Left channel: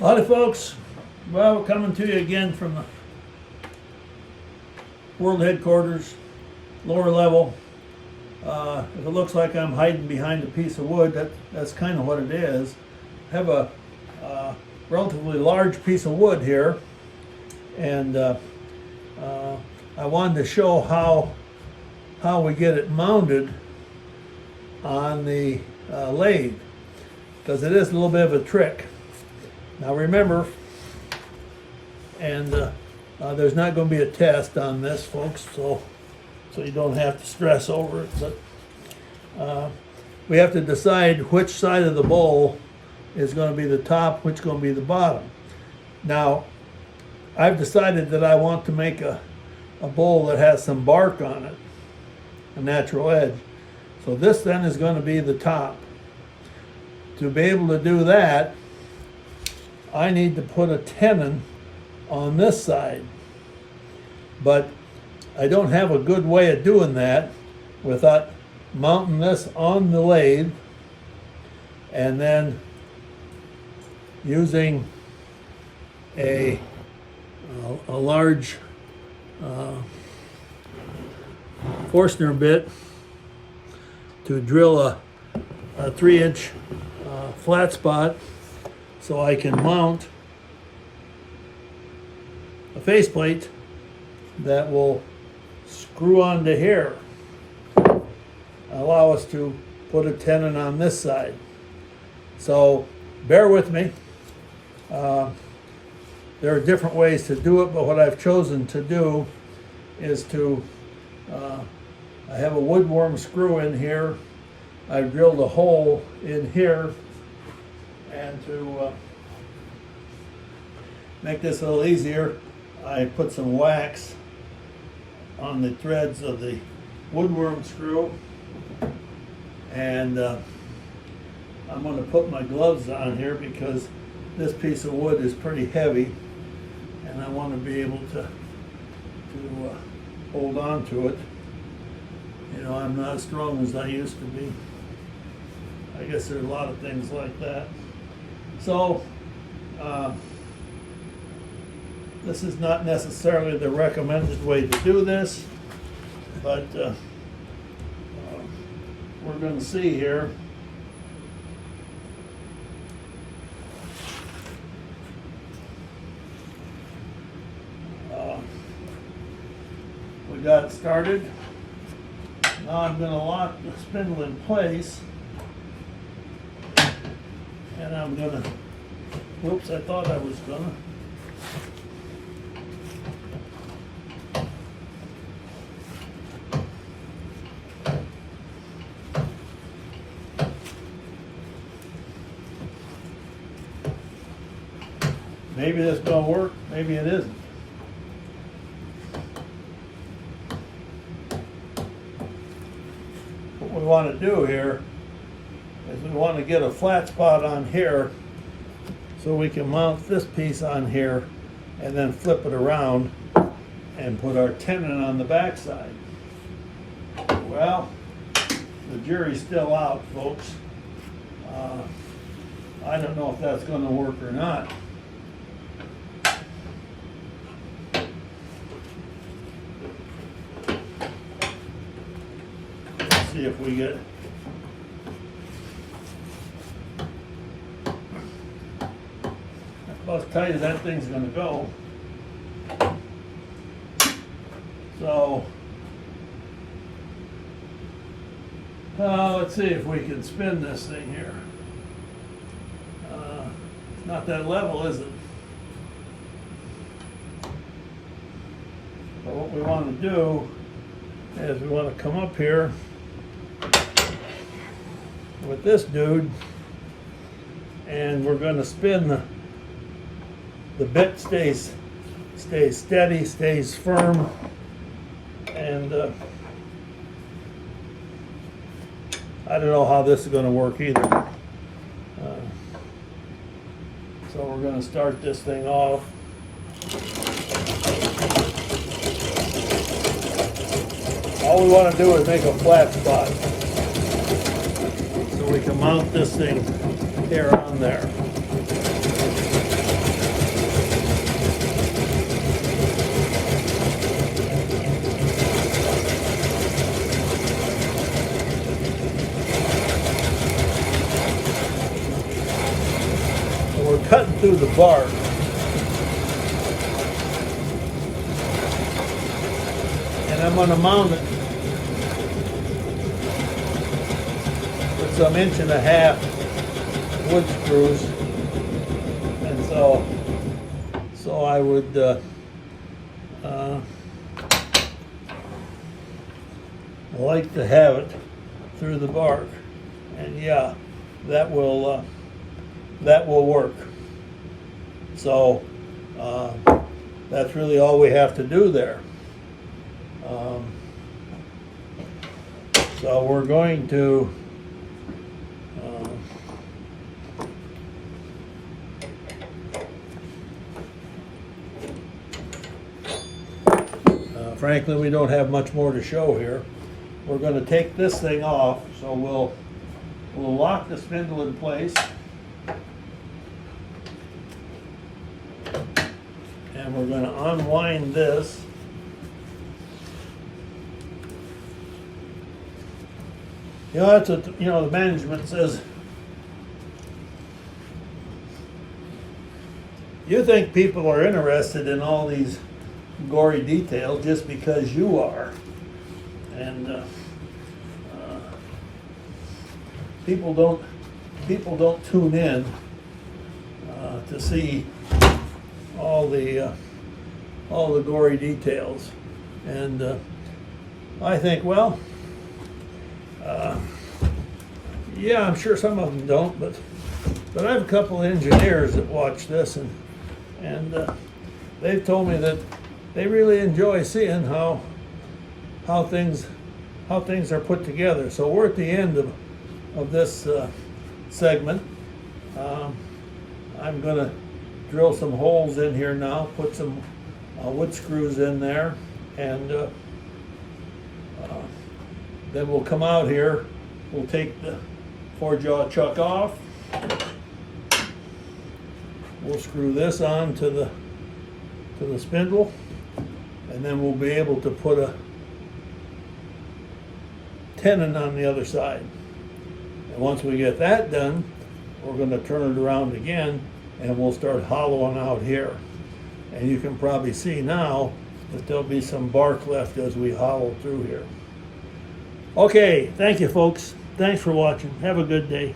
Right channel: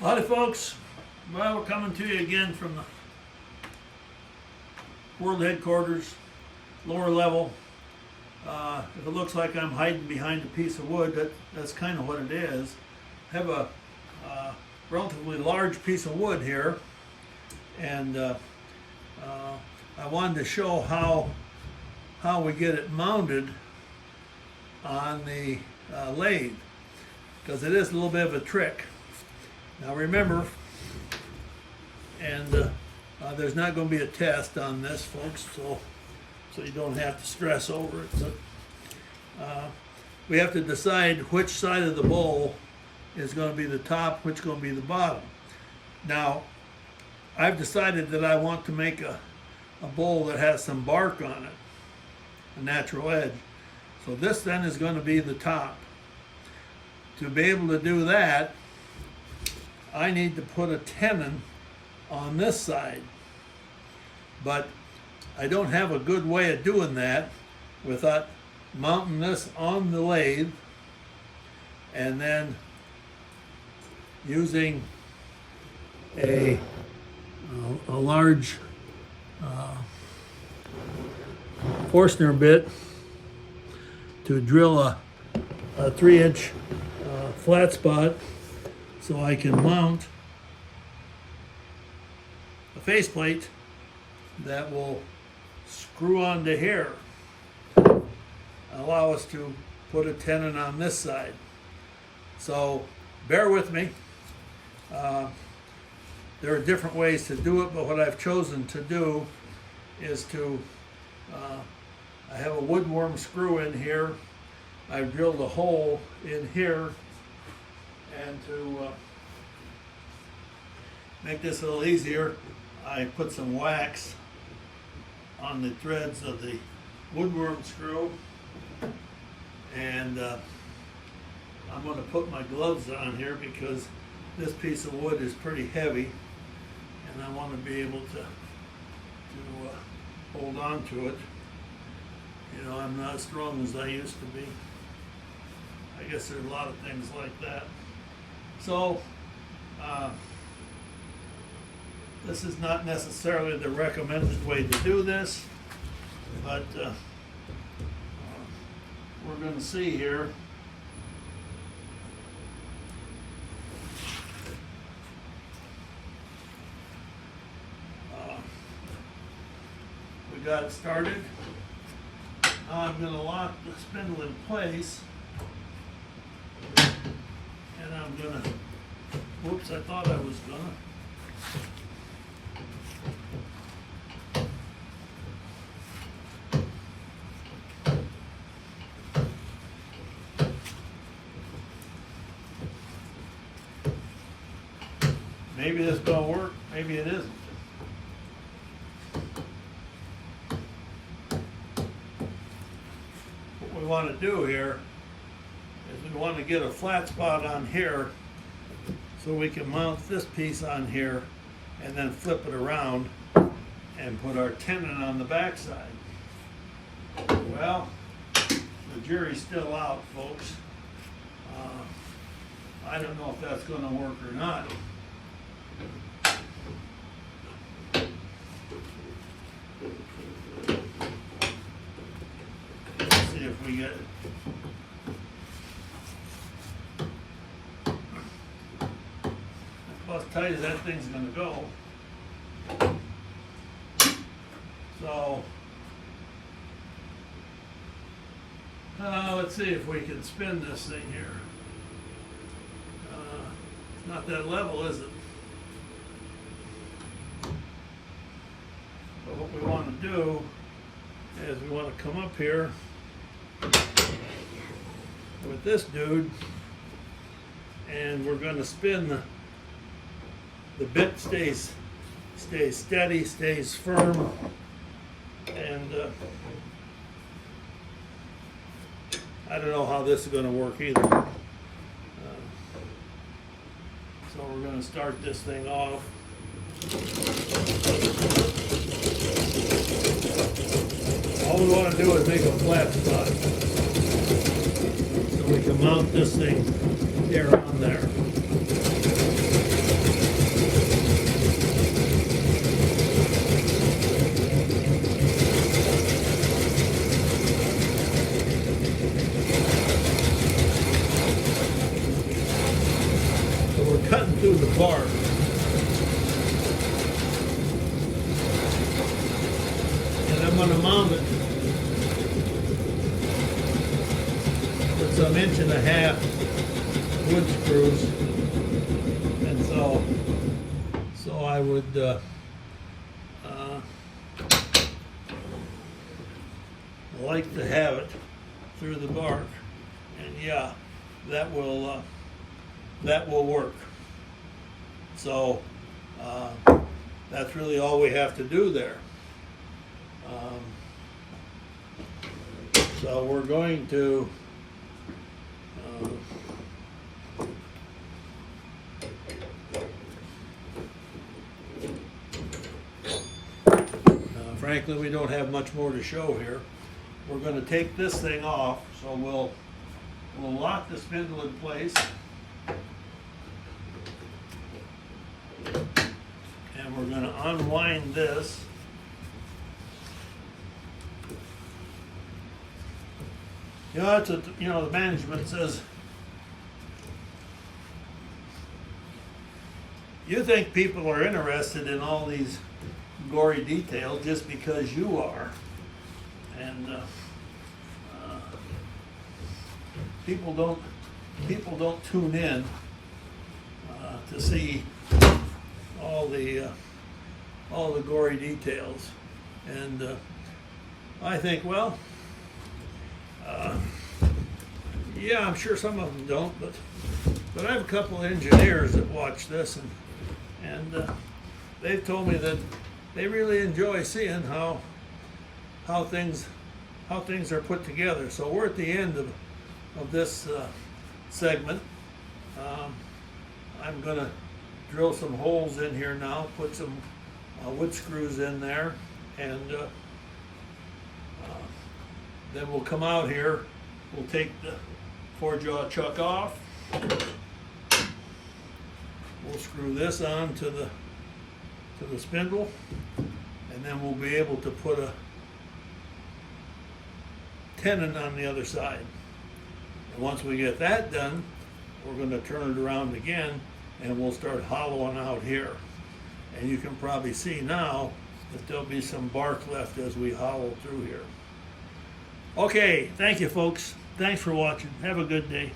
Howdy folks, well we're coming to you again from the world headquarters, lower level. If it looks like I'm hiding behind a piece of wood, that's kind of what it is. I have a relatively large piece of wood here, and I wanted to show how we get it mounted on the lathe, because it is a little bit of a trick. Now remember, and there's not going to be a test on this, folks, so you don't have to stress over it, but we have to decide which side of the bowl is going to be the top, which is going to be the bottom. Now, I've decided that I want to make a bowl that has some bark on it, a natural edge. So this then is going to be the top. To be able to do that, I need to put a tenon on this side, but I don't have a good way of doing that without mounting this on the lathe and then using a large Forstner bit to drill a 3-inch flat spot, so I can mount a faceplate that will screw onto here, allow us to put a tenon on this side. So bear with me. There are different ways to do it, but what I've chosen to do is to, I have a woodworm screw in here. I've drilled a hole in here, and to make this a little easier, I put some wax on the threads of the woodworm screw, and I'm going to put my gloves on here because this piece of wood is pretty heavy, and I want to be able to hold on to it. You know, I'm not as strong as I used to be. I guess there's a lot of things like that. So, this is not necessarily the recommended way to do this, but we're going to see here. We got started. Now I'm going to lock the spindle in place, and I'm going to, whoops, I thought I was going to. Maybe this is going to work, maybe it isn't. What we want to do here is we want to get a flat spot on here so we can mount this piece on here and then flip it around and put our tenon on the back side. Well, the jury's still out, folks. I don't know if that's going to work or not. See if we get about as tight as that thing's going to go. So let's see if we can spin this thing here. Not that level, is it? So what we want to do is we want to come up here with this dude, and we're going to spin the bit stays steady, stays firm, and I don't know how this is going to work either. So we're going to start this thing off. All we want to do is make a flat spot so we can mount this thing there on there. cutting through the bark. And I'm going to mount it with some 1.5 inch wood screws. And so I would like to have it through the bark, and yeah, that will work. So that's really all we have to do there. So we're going to frankly, we don't have much more to show here. We're going to take this thing off, so we'll lock the spindle in place, and we're going to unwind this. You know, that's what, you know, the management says. You think people are interested in all these gory details just because you are, and people don't tune in to see all the gory details, and I think, well, yeah, I'm sure some of them don't, but I have a couple of engineers that watch this, and they've told me that they really enjoy seeing how things are put together. So we're at the end of this segment. I'm going to drill some holes in here now, put some wood screws in there, and then we'll come out here. We'll take the 4-jaw chuck off. We'll screw this on to the spindle, and then we'll be able to put a tenon on the other side. And once we get that done, we're going to turn it around again, and we'll start hollowing out here. And you can probably see now that there'll be some bark left as we hollow through here. Okay, thank you folks. Thanks for watching. Have a good day.